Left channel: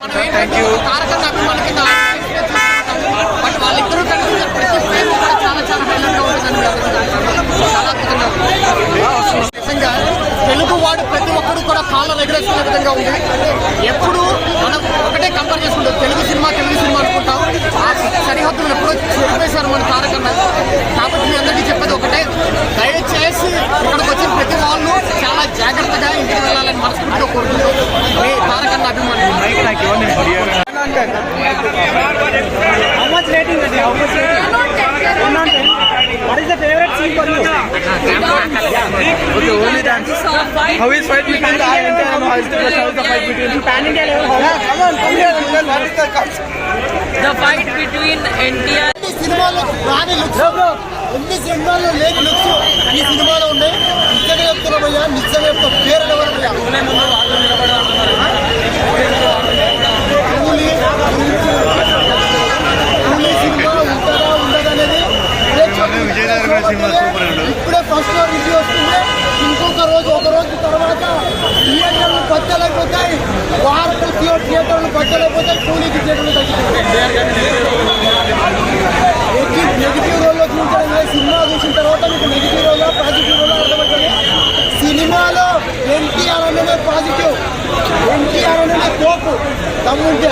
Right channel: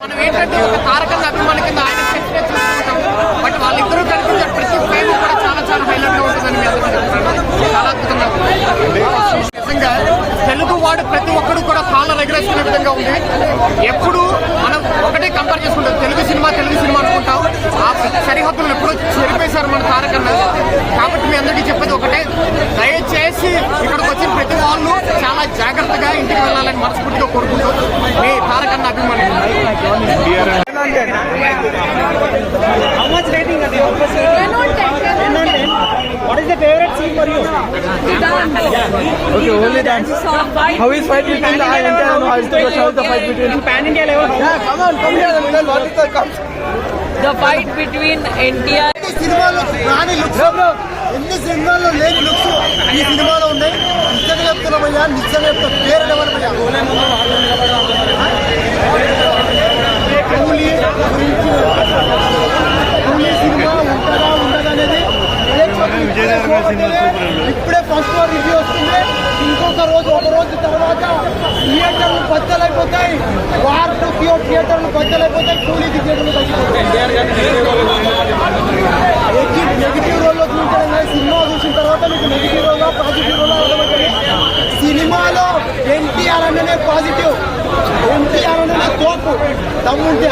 మనం ఏంటంటే ఒక తారకం అభిమాని కింద బట్ వాళ్ళిద్దరూ కలిసి ప్రతి ఫ్రేమ్ కూడా చాలా చాలా హైలైట్గా ఉంటుందని మీ చాలా అద్భుతంగా ఉంది. నిజంగా తెలుగు వాడు ప్రతి ఒక్కరు కూడా కాళ్ళ ఎగరేసుకునే విధంగా ఉంది. ఎప్పుడు మనం ఒకటే కంపేర్ చేసుకుంటాం. తెలుగు సినిమా తెలుగు సినిమా అనుకుంటాం. ఆ సరిహద్దులు ఎప్పుడో చెరిపేశారు మన తారకన్న. కాబట్టి మీ అందరికీ చెప్పేది ఒకటే. How much rating does it have? What is the favorite scene for you? Okay, only dance. How is fight between the entire how is the how is the fight between pan India level? How? Come on, come here. What is the The fight between NTR ఎన్ని సినిమాల్లో రాని looks ఎన్ని సినిమాల్లో లేని looks ఈ సినిమాలో ఉన్నాయి నిజంగా చెప్తున్నా భయ్యా నిజంగా చెప్తా పేరు ఎవరు విజయనగరం సినిమా సూపర్. ఇప్పుడే ఫస్ట్ రివ్యూ వస్తుంది. ఇంకొక రోజు ఒక రోజు తర్వాత థియేటర్లు బద్దలైపోతాయి వార్పు థియేటర్లు బద్దలైపోతాయి కూలీకి థియేటర్లు తగ్గిపోతాయి. నెగిటివ్ రోల్లో చూపించడం సినిమా చూసిన తర్వాత మీకు నెగిటివ్ రోల్లో పాజిటివ్ రోల్లో అర్థమవుతుంది. సినిమాలో ఎన్టీఆర్ అన్ననే పాజిటివ్ ఎన్టీఆర్ అన్ననే తోపు. దమ్ముంటే